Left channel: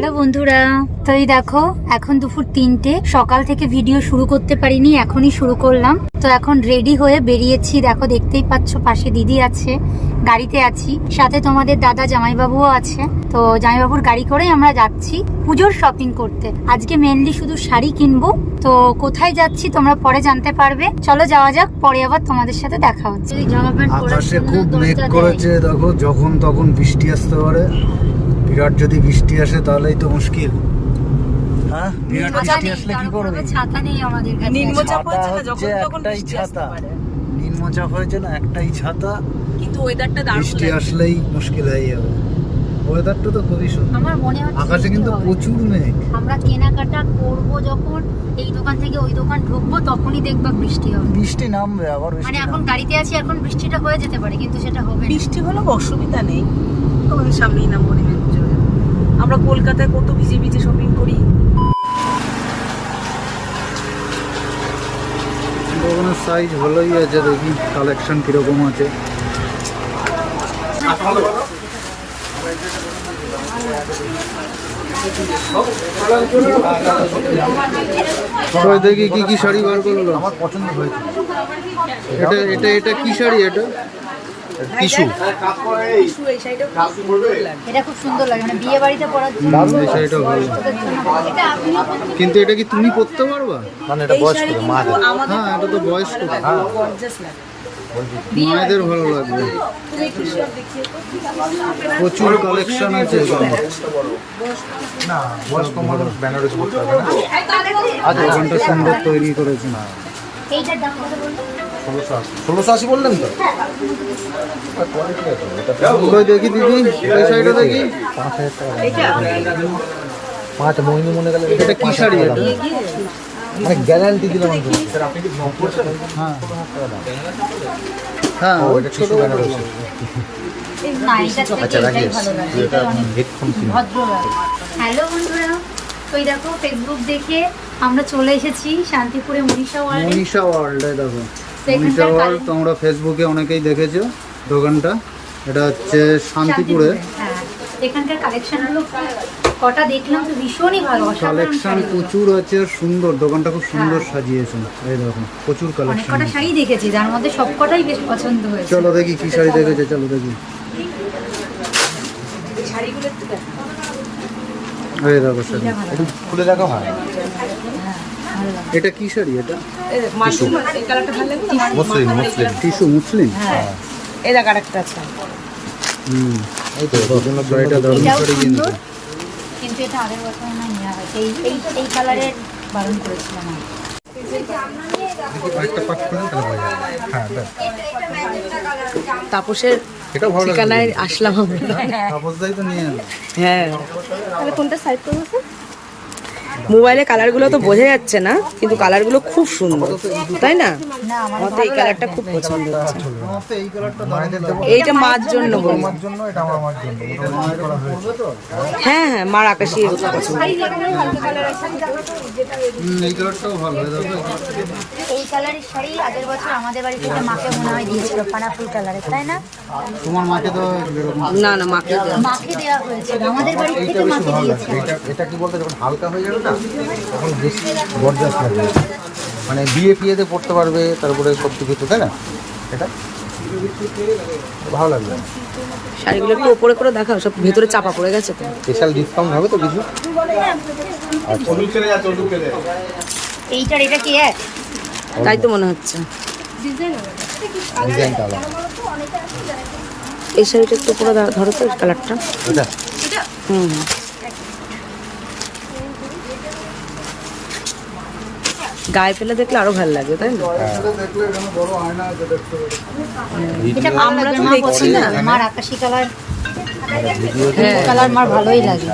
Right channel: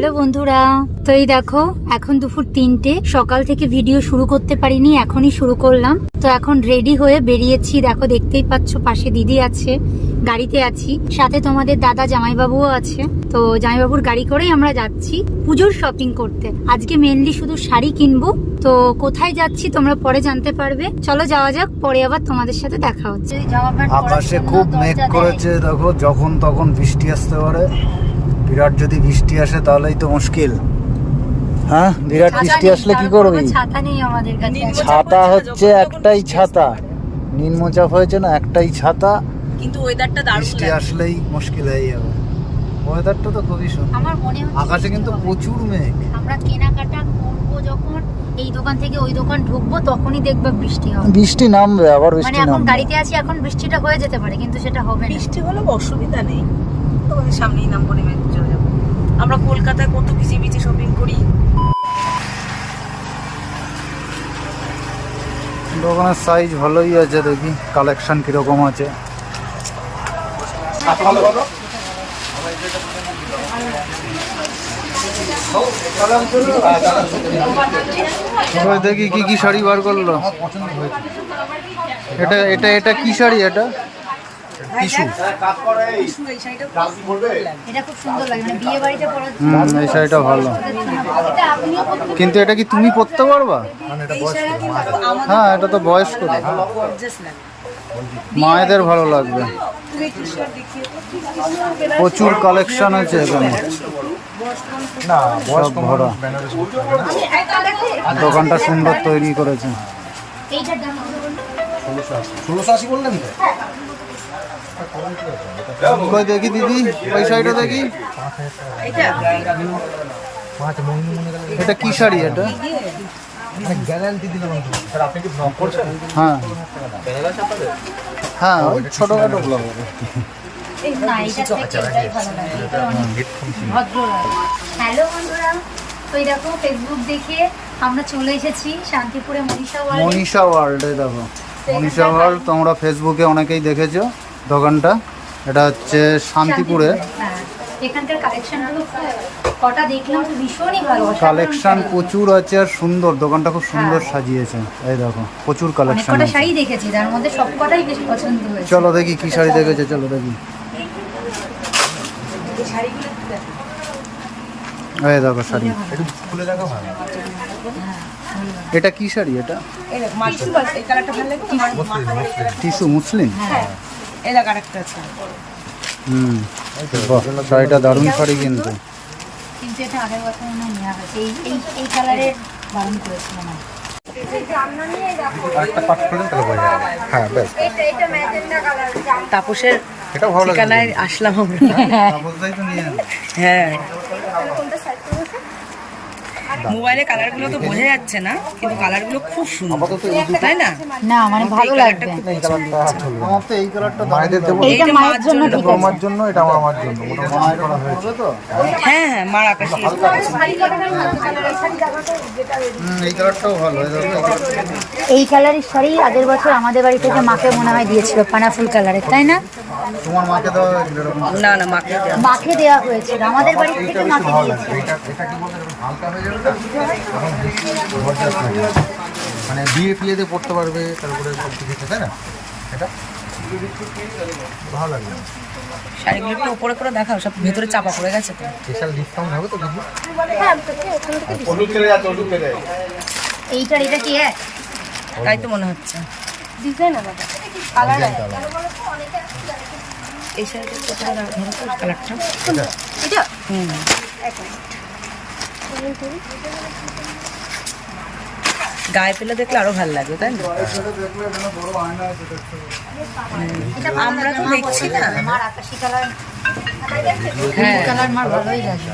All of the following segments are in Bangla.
হ্যালো বন্ধুরা, তো এই দেখো, এখন দুপুর তিনটে, সকাল থেকে ভিডিও শুরু করতে পারিনি, এখনই শুরু করলাম। তো এখন রেডি হয়ে বেরিয়েছি, দেখো দেখতেই পাচ্ছ, পাশে দিদি আছে, গাড়িতে আছি। সাথে তোমাদের দাদা জামাইবাবুও আছে। তো জামাইবাবুর গাড়ি করেই আমরা যাচ্ছি পুজোর শপিং করতে। আজকে মেনলি শুধু শাড়ি কিনবো। তো কোথায় যাচ্ছি তোমরা পরে জানতে পারবে। চলো যাওয়া যাক, পরে আবার তোমাদের সাথে দেখা হচ্ছে। খুব মেঘ করেছে, দেখো, যখন তখন বৃষ্টি আসতে পারে। বিরাট যদি বৃষ্টি আসে তাহলেই তো মুশকিল। হ্যাঁ? বিরাট বৃষ্টি আসলে কি করবি? ছাতা নেই আমাদের কাছে। ছাতা হচ্ছে একটাই ছাতা। নিম্নচাপ হয়েছে না একটাই ছাতা। কিন্তু ওয়েদারটা দারুণ বৃষ্টি আসলেই মুশকিল হয়ে যাবে। ওয়েদারটা তো খুবই সুন্দর। আমার মনে হচ্ছে আকাশে কিন্তু প্রচুর মেঘ। আমরা কেনাকাটা করব যখন এই দোকান থেকে ওই দোকান ঢুকবো তখনই দেখবা বৃষ্টি হবে। বৃষ্টি নামবে আবার মানে বৃষ্টি এখন গাড়িতে আছি এখন বৃষ্টিটা হয়ে যেতে পারে কিন্তু সেটা হবে বৃষ্টি হলেও অসুবিধা নেই। সামনেই নাম। মনে যাব। আমরা কলকাতায় কত ভিজে ভিজে শপিং করি? দোকানের সাইজ ভালোই আছে দেখি কালেকশন কীরকম আছে। দেখি কি কি শাড়ি বার করল? এটা এটা এটা কি শাড়ি এটা? এই। শাড়িটা লাগে। মানে ভালো। কিন্তু এটা কি তুমি পরতে পারবা? আমাদের হ্যাঁ এটা তো বয়স্ক। মায়েদের ভালো লাগবে। তুমি টি-শার্ট দেখিয়ে তো প্রচুর কালেকশন আছে এখানে। দোকানটা সুন্দর তৈরি করেছে। এইটার দাম কত? বলুন? ষোলোশো আশি বললেন তো? কই দেখি দিদি ওই শাড়িটা দেখি। এটা মনে এটা কি শাড়ি এটা? মানে গ্যারান্টি দিলাম আপনি কি ভ্রম করছেন? হ্যাঁ। হ্যাঁ ওই ছোটখাটো হ্যালো বন্ধুরা ওই দেখো ফেসবুক দেখে আমরা চলে এসেছি শান্তিপুরে মনীষা ওয়ার্ল্ড মনীষা ওয়ার্ল্ডে দেখো। মনীষা ওয়ার্ল্ড তোমরা ফেসবুকে অনেকেই দেখেছ দোকানটা। এটা হচ্ছে শান্তিপুরে। হ্যাঁ। এখানকার কালেকশনগুলো কটা দেখলাম তো ভীষণই ভালো কালেকশন প্রচুর আছে আর সুন্দর দোকানটা খুব সুন্দর সাজিয়েছে। এই দেখো প্রচুর কালেকশন কটা শাড়ি দেখেছি যার মধ্যে সব বেশ পছন্দ হয়েছে। চলো দেখি কি শাড়ি দেখেছে চলো দেখি। এই দেখো শাড়ি। খুলে দেখো এটা কি শাড়ি এটা? এই এই কালারটা ভালো লাগে এই টিস্যু মুসলিম? এই আরেকটা আছে হুম শাড়িটা দারুণ শাড়ি কিন্তু। কিন্তু এটা আগের না এই এই এই বারণ করেছিলাম আমি তাপসের এটাও ভালো লাগে ঠিকানায় আসলাম আমরা। নিয়ে হ্যাঁ। মোবাইলে কালারগুলো তো বোঝা যাচ্ছে না কিন্তু কালারগুলো খুব সুন্দর। তাই না? আমার তো এই কালারটা খুব পছন্দ হচ্ছে। এইটা মার জন্য হ্যাঁ হ্যাঁ মার আকাশি পছন্দ। এই কালারটাও ভালো এই দেখো। এই কালারের শাড়ি আগের বছর আমাদের বাড়ি থেকে মাকে মনে হয় দিয়েছিল পানাফুল কালারের তাই না? তোমার মাকে এরকম না না মাকে দেওয়া মাকে দেওয়া হয়েছিল। আমাদের বাড়ি থেকে বেশি মাকে ভালো দিয়েছিল। এটা এটা কি বলতে যখন হালকা হয়ে যাবে তখন বেশি গর্জাস লাগে। মানে বিয়ে ফিয়েতে পড়তে পারবে তারপরে করতে খেতে তাই না? এটা ভালো লাগবে শাড়িগুলো একটু ওপরে করে দেখাও সব ভেতরে চাপা পড়ে গেছে তো। স্পেশাল ডিসকাউন্ট হবে তো কিছু? এইটার এটা কি এক? তাই তো মনে হচ্ছে। ডিজাইন কালার এই শাড়িটা একটু উপরে ধ- ধরো তো কালারটা হুম। গায়ে ফেলে দেখলে আরও ভালো লাগবে তাই না? এটা আমরা তো দেখছি না। আমার আকাশি কালার হ্যাঁ। কালার আমার ভালোই লাগে।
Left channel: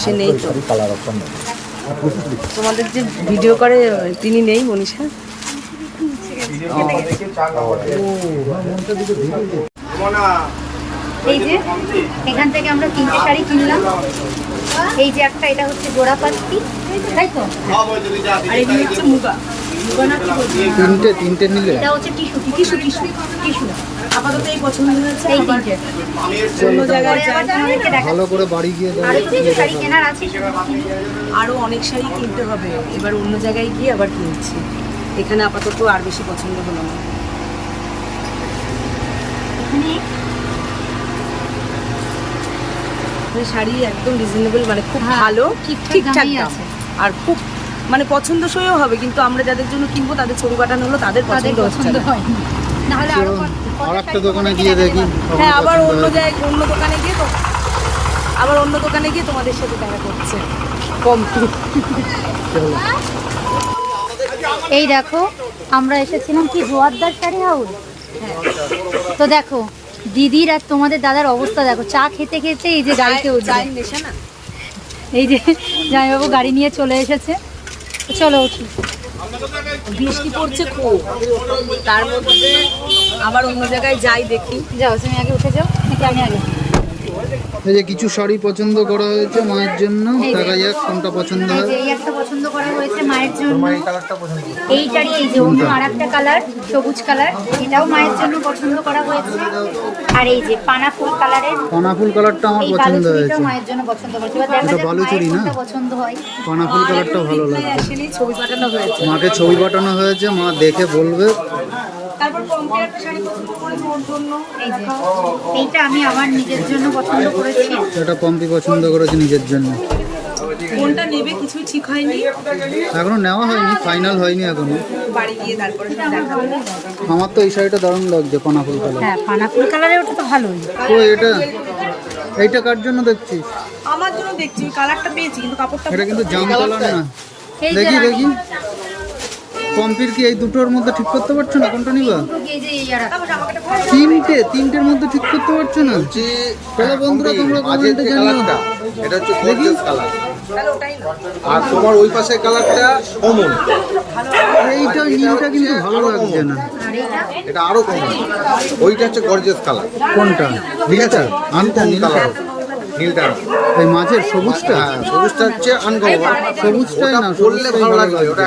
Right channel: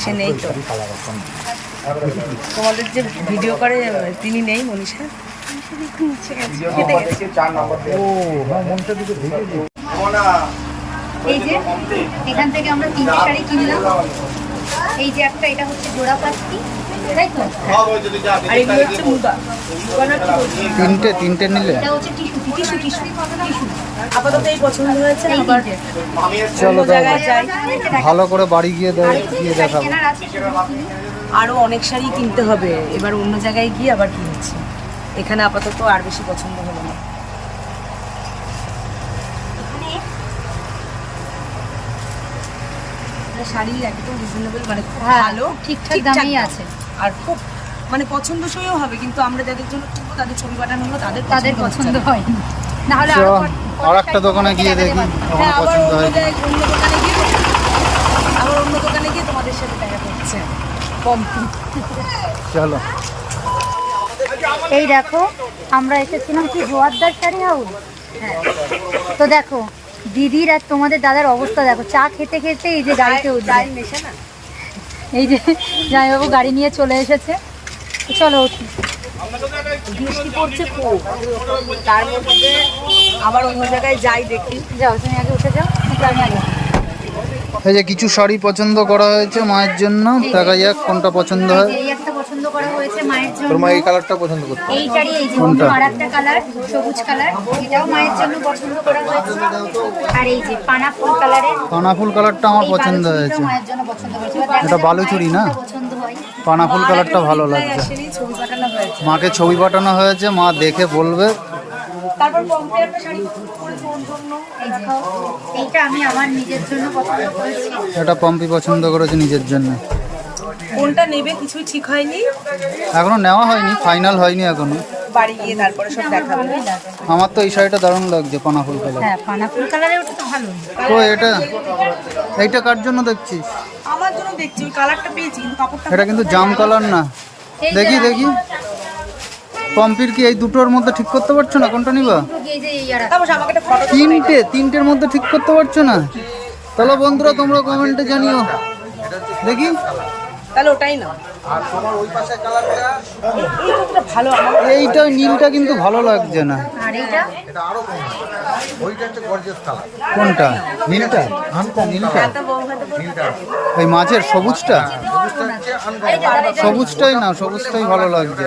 সে নেই তো। তোমাদের যে ভিডিও করে তিনি নেই মনীষা? এই যে এখান থেকে আমরা তিনটে শাড়ি কিনলাম এই যে একটা এটা হচ্ছে তাই তো আর এগুলো হচ্ছে মুগা তিনটে তিনটে নিলে হচ্ছে এই পছন্দ হয়েছে আবার। ভালো করে বাড়ি গিয়ে গিয়ে দেখাবো। আরও অনেক শাড়ি কিনতে হবে এবার অন্য জায়গায় গিয়ে আবার কিনছি এখানে আপাতত আর বেশি পছন্দ হলো না। এখানে মানে শাড়ি একদম রিজনেবল মানে খুব হ্যাঁ, ভালো ঠিকঠাক। আছে। আর খুব মানে পছন্দসইও হবে কিন্তু আমরা যাদের জন্য কিনবো তাদের ছবি পাঠানো হলো তাদের তাদের পছন্দ না। হলে চ, আরও একটা দোকানে গিয়ে দেখি হ্যাঁ আবার অন্য জায়গায় অন্য দোকানে গিয়ে তো আবার অন্য দোকানে গিয়ে তোমাদের সাথে দেখা করছে। কম চলো। এই দেখো আমরা এসেছিলাম কি জোয়ারদার শাড়ি হাউস? হ্যাঁ তো দেখো দিদির আর তোমাদের দাদার অবস্থা দেখো চা খেতে খেতে এই যে গাড়িতে এই যে জামাইবাবু গাড়ি নিয়ে চলে এসেছে। তো চলো উঠি। বৃষ্টি পড়ছে খুব। তার মধ্যে আবার অন্য জায়গায় যাই দেখি। যাও তুমি আগে উঠে যাও আমি আগে এই যে কিছু শাড়ি পছন্দ করা হয়েছে মায়ের জন্য দেখা যাক কোনটা পছন্দ হয়। এই একটা পছন্দ করা হয়েছে মায়ের জন্য তোমার এই কালারটা পছন্দ করতে এইটারই এই যে অন্য কোনটা? আর একটা কালার সবুজ কালার এটাও মায়ের জন্য পছন্দ করা হয়েছে। আর এই যে পানা ফুল কালারের পানাফুল কালারটা আমার পছন্দ হয়েছে। মায়ের জন্য পছন্দ করেছে। এটা বালুচুরি না? পছন্দ হয়। পানাফুল কালারটা ভালো লাগছে। ছবি পাঠানো হয়েছে। মাকে ছবি পাঠানো হয়েছে মা দেখে বলবে। তারপর পম্পে একটা শাড়ি পছন্দ করেছে ওর জন্য। এই এইটা আমি আমার নিজের জন্য পছন্দ করেছি। এটা পম্পি পছন্দ করেছে নিজের জন্য। কোনটা নেবে কিছুই ঠিক হয়নি। এখনও নেওয়া হয়নি ফাইনাল হয়নি এখনও। বাড়ি গিয়ে তারপরে আমার ভালোই লাগে। আমার তো এই শাড়িটা দারুণ লাগছে পানাফুল কালার হ্যাঁ পানা ফুল কালারের ওটা তো ভালোই। ও এটা? এইটা কার জন্য দেখছিস? আমার জন্য দেখছি ওই কালারটা পেয়েছি কিন্তু কাপড়টা এটা কিন্তু জাম কালার না। দেখি দেখি। পম্পির কি এই দুটোর মধ্যে ঠিক করতে পারছ না? কোনটা নিবা? তিনটে তিনটের মধ্যে ঠিক করতে পারছ না? চলো বন্ধুরা তোমরা কমেন্টে জানিও। দেখি। তাহলে ওটাই না আর তোমার ওই পাশের কালারটা কমন। ভালো এইটা নীলটা কিন্তু ভালো লাগছে না। আর এইটা? এটা আরও কমন। ওইটা হচ্ছে গর্জিয়াস কালার কোনটা? নীলটা? নীলটা নীলটা নীলটা। এই মাছের সবুজটা? সবুজটা হচ্ছে সবুজটাই না সবুজটাই ভালো লাগছে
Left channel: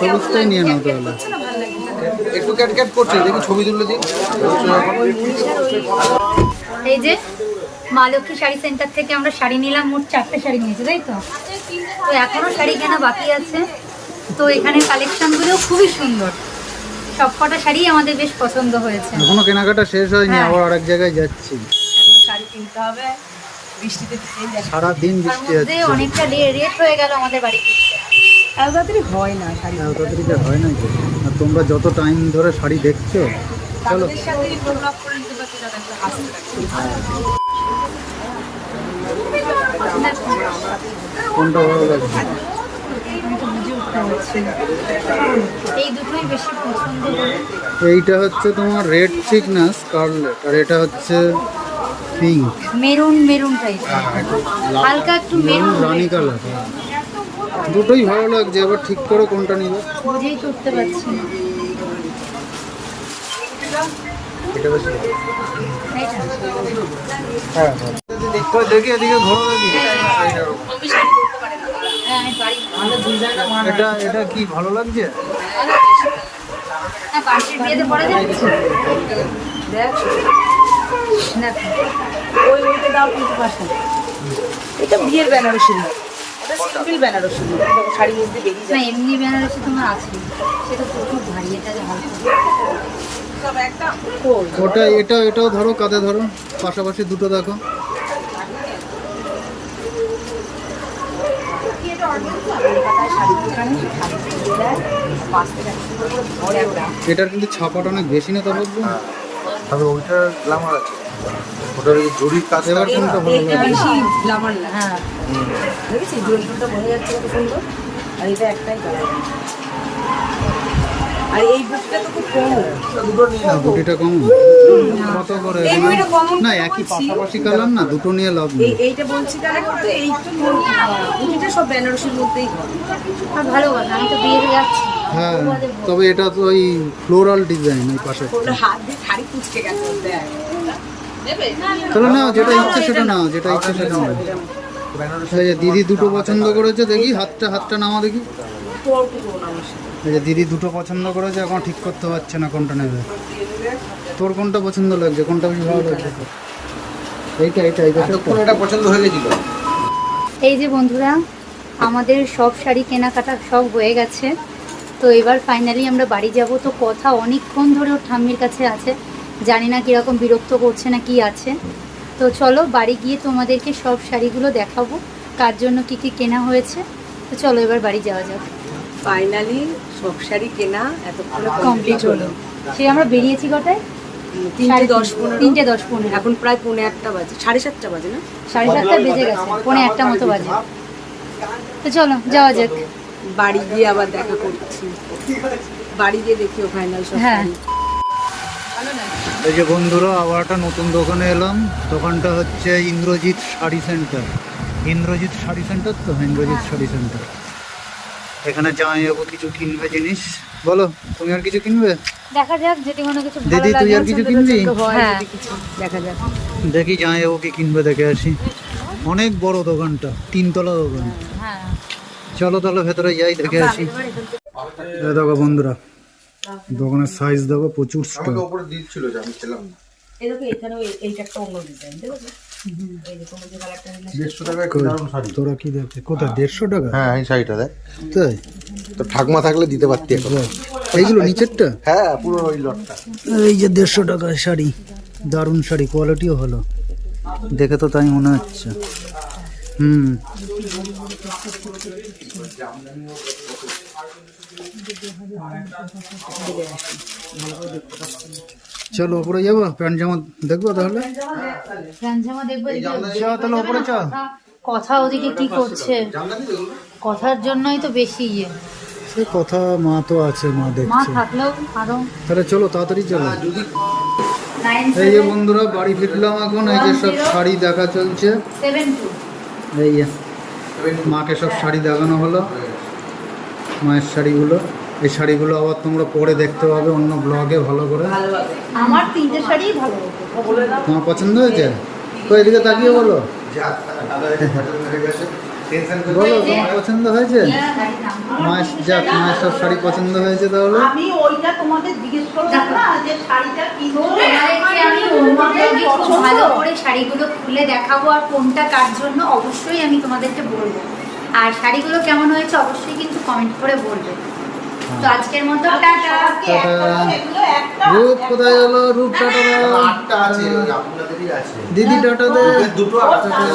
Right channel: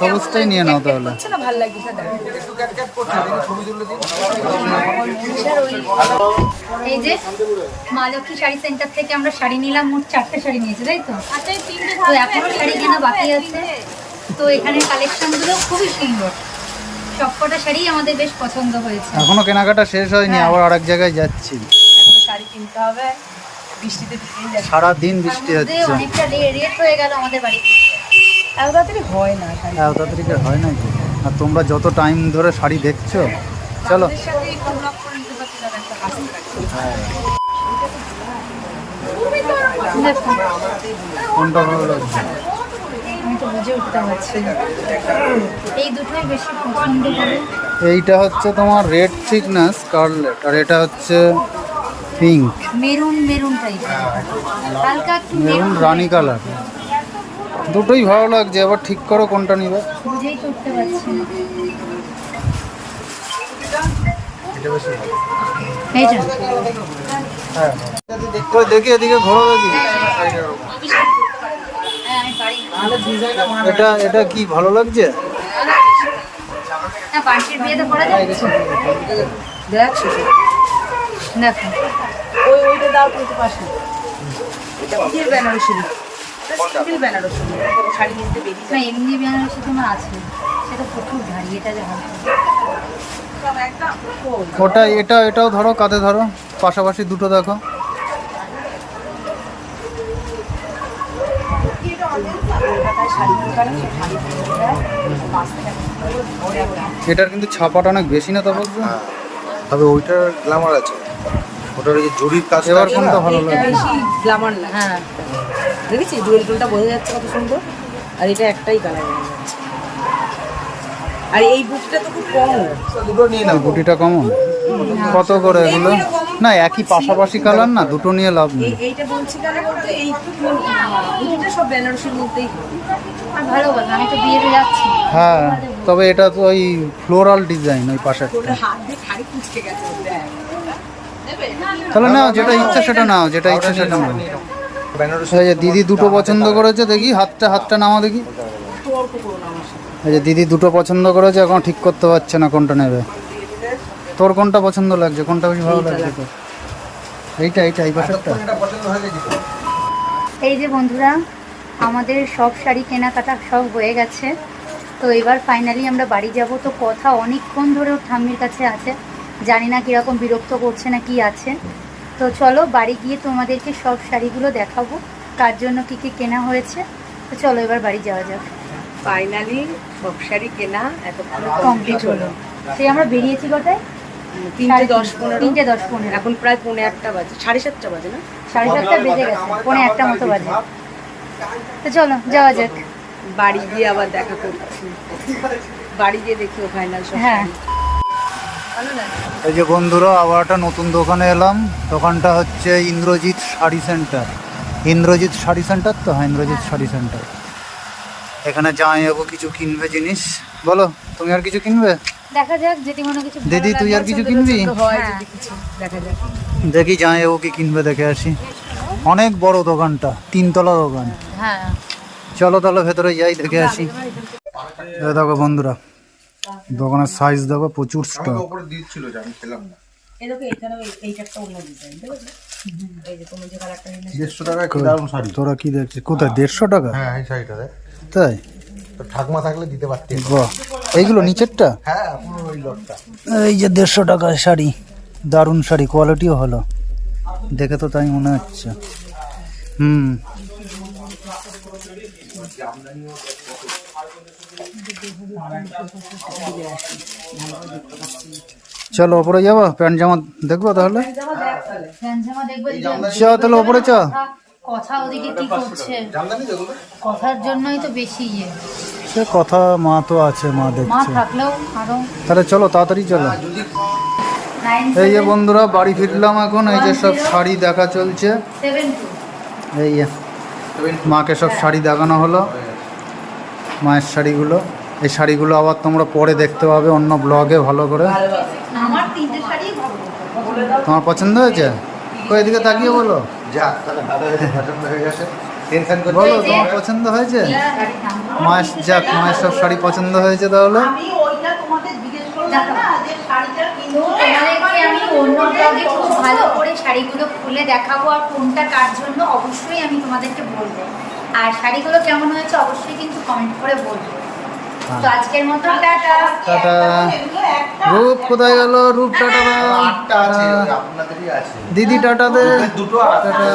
সবুজটাই নিয়ে নাও তাহলে। না ভালো লাগছে সেটা। একটু ক্যাট ক্যাট করছে দেখি ছবি তুলে দিই। এই যে মা লক্ষ্মী শাড়ি সেন্টার থেকে আমরা শাড়ি নিলাম মোট চারটে শাড়ি নিয়েছে তাই তো? তো এখনও শাড়ি কেনা বাকি আছে। তো এখানে কালেকশনগুলো খুবই সুন্দর। সবকটা শাড়ি আমাদের বেশ পছন্দ হয়েছে। এখনও কেনাকাটা শেষ হয়নি আবার আরেক জায়গায় যাচ্ছি। এখনও শাড়ি কিনতে হবে। বৃষ্টিতে সারা দিন বৃষ্টি হচ্ছে। অনেকটা রেট হয়ে গেল আমাদের বাড়িতে। এত তাড়াতাড়ি হয় না এত তাড়াতাড়ি হয় নাকি আর তোমরা যত টাইম ধরে শাড়ি দেখছ চলো। কোনটা ভালো লাগছে? এইটা হচ্ছে তোমার রেড থিকনেস কার্লেট আর এটা হচ্ছে পিঙ্ক মেরুন মেরুন টাইপের হালকা একটু মেরুন রানী কালার। দুটোই ভালো লাগছে এবার ঠিক করো কোনটা নিবে। বুঝেই তো উঠতে পারছি না। এটা বেশি ভালো। দেখি এদিকে ঘোরো দেখি। হ্যাঁ আমি পারি। না এটা এটা কি ভালো লাগছে? হ্যাঁ বাঁশের বিয়েতে পড়া যাচ্ছে দেখ। দেখো। ওই ওইটা দাও কিন্তু পাশে। এটা বিয়ের বেনারসি না বেনারসি। শাড়ি নিতে বেরিয়ে না এমনি বেনারসি তোমার আছে। সেটা প্রচুর ভারী এটা যে হালকা। যাবে একটা কই ওটা এটা এটাও ধরো কাঁধে ধরো। পাশাপাশি দুটো দেখো। যায় এটার কিন্তু ছাপাটা অনেক বেশি না তো তবে ওইটার গ্লামার আছে। ওটার এই যে জরির কাজ এবার কোনটা ভালো বেশি না হ্যাঁ। দেখেছি ডুয়েল টোনটা বোঝা যাচ্ছে কত সুন্দর। আর এটা একটাই কালার আর এই বুটিটা তো খুব কম। দুটো নিয়ে নাও। গুটিটা কমন? কত করে এগুলো? না একই পাশাপাশি কালার না দুটো নিয়ে লাভ নেই। এইটা বলছি কেন বলতে এই বুটিটা সব বেনারসির মধ্যেই আর ভালো কথা আমি তো বিয়েতে যাচ্ছি। হ্যাঁ তবে এটা তো ওই ফ্লোরাল ডিজাইন ওই পাশের ওটা হাত দিয়ে শাড়ি কুচকে গেছে দেখ। তাহলে নাও যেটা ইচ্ছে সেটা নাও যেটা ইচ্ছে সেটা নাও। এই যে দিদি দুটো পছন্দ করেছে দেখি হাতটা হাতটা নামা দেখি। এই যে দিদি দুটো পছন্দ করেছে এখন ঠিক করতে পারছে না কোনটা নেবে। তোর কোনটা পছন্দ লাগছে? কোনটা বেশি ভালো লাগছে তোর? এইটা এইটা এই পাশেরটা। এটা পছন্দ হয়ে গেছিল এই যে বন্ধুরা আমাদের সব শাড়ি কেনাকাটা সব হয়ে গেছে। তো এবার ফাইনালি আমরা বাড়ি যাব। তো কথা অনেকক্ষণ ধরে ওর ঠাম্মির কাছে আছে। জানি না কীরকম বিরক্ত করছে না কি আছে তো চলো বাড়ি গিয়ে তোমাদেরকে সব শাড়িগুলো দেখাবো কার জন্য কি কি কেনা হয়েছে। তো চলো এবার বাড়ি যাওয়া যাক। ফাইনালি সব শাড়ি কেনা এতক্ষণে কমপ্লিট হলো। সে আমরা বেরিয়েছি কটায় তিনটে দশ পনেরো। তিনটে দশ পনেরো। এখন প্রায় পৌনে একটা বাজে সাড়ে সাতটা বাজে না? সাড়ে সাতটা বেজে গেছে পৌনে একটা মতো বাজে। তো চলো যাওয়া যাক। বাড়ি গিয়ে আবার দেখা করছি। বাড়ি গিয়ে দেখিও ফাইনাল সব হ্যাঁ। এই যে বন্ধুরা আবার একটা নতুন দোকানে এলাম। দোকানটা হচ্ছে ইন্দ্রজিৎ শাড়ি সেন্টার। ইন্দ্রজিৎ শাড়ি সেন্টার তো? হ্যাঁ ইন্দ্রজিৎ শাড়ি সেন্টার। এখানে জামাই যাব কিছু কিনবে জিনিস। বলো তুমি আর কিছু কিনবে? দেখা যাক যদি মনে কিছু দিদি তুই আর কিছু কিনবি? হয় হ্যাঁ। যদি কিছু দেখা যাক। দেখি জামাই যাব কি কিনবে দেখে আসি। অনেক বড় দোকানটা তিনতলা দোকান। হ্যাঁ। চলো তাহলে ভেতরে যাই দেখে আসি। এই দেখো বন্ধুরা দোকানের সাইজ দেখো প্রচুর স্টক উপরে দিচ্ছিল যে আমি ছিলাম না। এই দেখো এখানে এইটা একটা অন্য ডিজাইন শাড়ি। তোরা কি দেখছিস? কোথায়? দেড়শো টাকা? হ্যাঁ এই শাড়িটা দেখ। তাই? তো ঠাকমা থাকলে দিতে পারতি। এইগুলো নিচেরটা? হ্যাঁ পুরো ওই লটটা। এই যে দেড়শো শাড়ি দারুণ শাড়ি কোয়ালিটিও ভালো দেখে তো তাই মনে হচ্ছে। হুম। চলো ওপরে যাব প্যান্ট জামা দেখব তাহলে? চ তাহলে ওপরে চ। কথা ওদিকে কি করছে? কথার জন্যই তো বেশি ইয়ে। সে কথা মা তো আছে মা মা থাকলেও আরও। তাহলে চলো তাড়াতাড়ি চলো। এই যে বন্ধুরা বাড়ি ফিরলাম এখন এই যে সব শাড়ি দেখা চলছে। এই মাকে সব শাড়ি দেখানো হলো মায়ের শাড়িগুলো। এই শাড়িগুলো আবার তোমরা পরে দেখতে পাবে অন্য ব্লগে ভালো করে। আমার তিনটে শাড়ি ভালো হতো। তোমার পছন্দ হয়েছে? কই এদিকে তাকিয়ে বলো। হয়ে বলো তোমার পছন্দ হয়েছে? মায়ের যাক মায়ের সব শাড়ি পছন্দ হয়েছে তাহলে। আমি অন্য ব্লগে খুব ভালো করে শাড়িগুলো খুলে দেখাবো আর কোনটা কার জন্য অবশ্যই আমি তোমাদেরকে বলব। আর শাড়িগুলো কেমন হয়েছে অবশ্যই কিন্তু কমেন্ট করে বলবে। তো আজকের মতো টাটা। টাটা। রূপ কোথায় গেল? রূপ টাটা। দিদি টাটা দে দুটো টাটা।